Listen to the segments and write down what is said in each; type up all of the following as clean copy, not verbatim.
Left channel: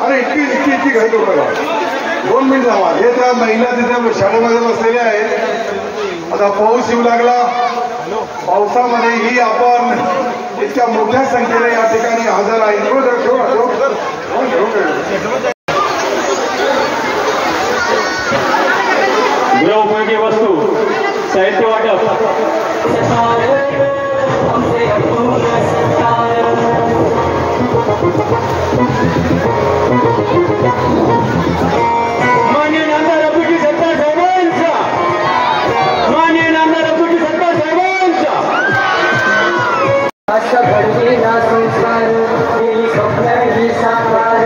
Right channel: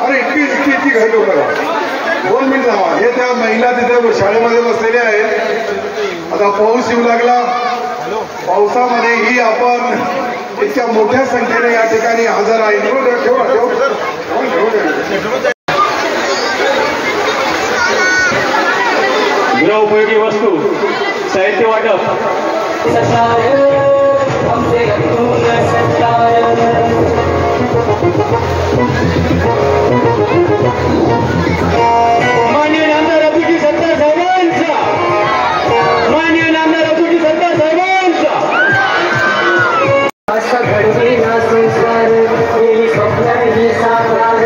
अरे इतकी घाई करू नका. 2 मिनिट थांबा. हे त्या महिला तिथे शाळेमध्ये बसलेल्या आहेत. आता पाऊस येऊ लागला. पावसामध्येही आपण इतक्या मोठ्या संख्येने या ठिकाणी हजर आहे. गृहोपयोगी वस्तू साहित्य वाटप माननीय नामदार अबुजी सत्तार साहेबांचा माननीय नामदार अबुजी सत्तार साहेबांचा असं घडवेना संस्कार केली स्वप्न ही साकार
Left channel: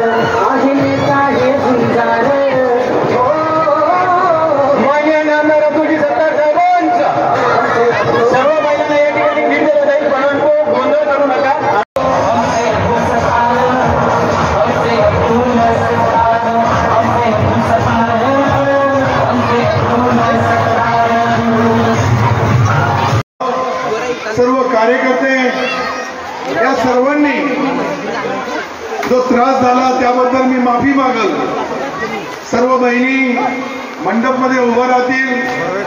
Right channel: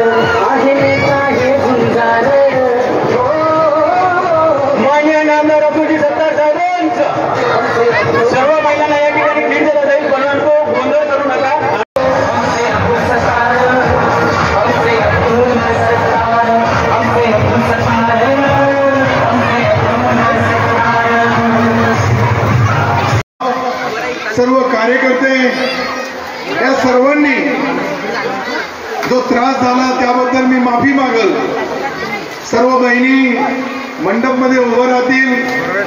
आहे नेता हे झुंजार माननीय नामदार अबुजी सत्तार साहेबांचा सर्व महिलांना या ठिकाणी नीट दिला जाईल. परंतु गोंधळ करू नका. सर्व कार्यकर्ते या सर्वांनी जो त्रास झाला त्याबद्दल मी माफी मागल. सर्व बहिणी मंडपमध्ये उभं राहतील.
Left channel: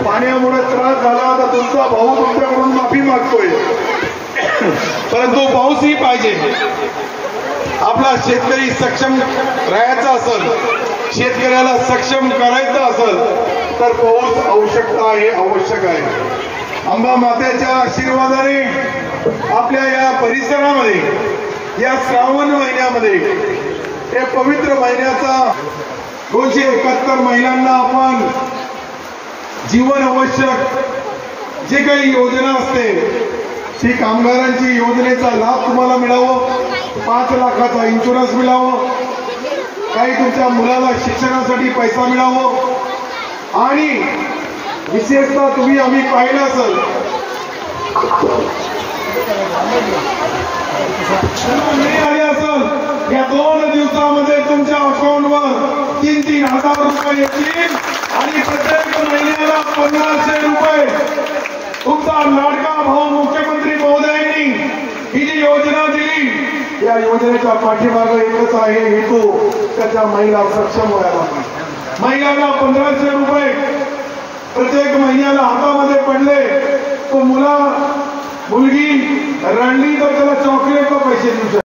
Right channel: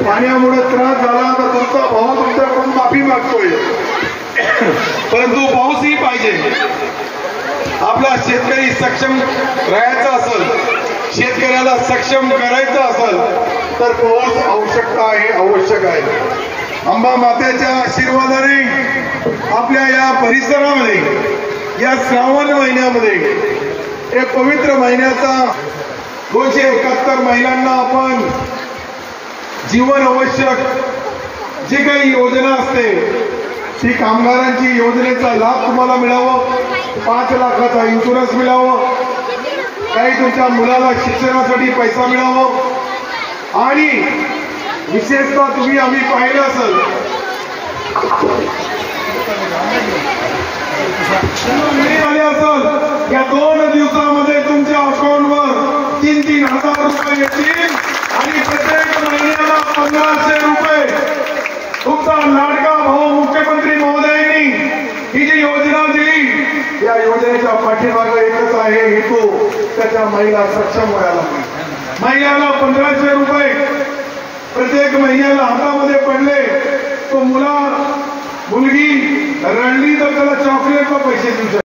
पाण्यामुळे त्रास झाला तर तुमचा भाऊ तुमच्याकडून माफी मागतोय. परंतु पाऊसही पाहिजे. आपला शेतकरी सक्षम राहायचा असेल, शेतकऱ्याला सक्षम करायचं असेल तर पाऊस आवश्यक आहे. अंबा मातेच्या आशीर्वादाने आपल्या या परिसरामध्ये या श्रावण महिन्यामध्ये हे पवित्र महिन्याचा 271 महिलांना आपण जीवन आवश्यक जी काही योजना असते ती कामगारांची योजनेचा लाभ तुम्हाला मिळावं. 5 लाखाचा इन्शुरन्स मिळावं. काही तुमच्या मुलाला शिक्षणासाठी पैसा मिळावं. आणि विशेषतः तुम्ही आम्ही पाहिलं असेल या 2 दिवसामध्ये तुमच्या अकाउंटवर 3-3 हजार रुपये येतील आणि प्रत्येक महिन्याला 1500 रुपये तुमचा लाडका भाऊ मुख्यमंत्री महोदयांनी ही जी योजना दिली या योजनेच्या पाठीमागे एकच आहे हेतू त्याच्या महिला सक्षम व्हायला. महिन्याला 1500 रुपये प्रत्येक महिन्याला हातामध्ये पडले तो मुलगी रडली तर त्याला चॉकलेटचा पैसे देऊ शकतो.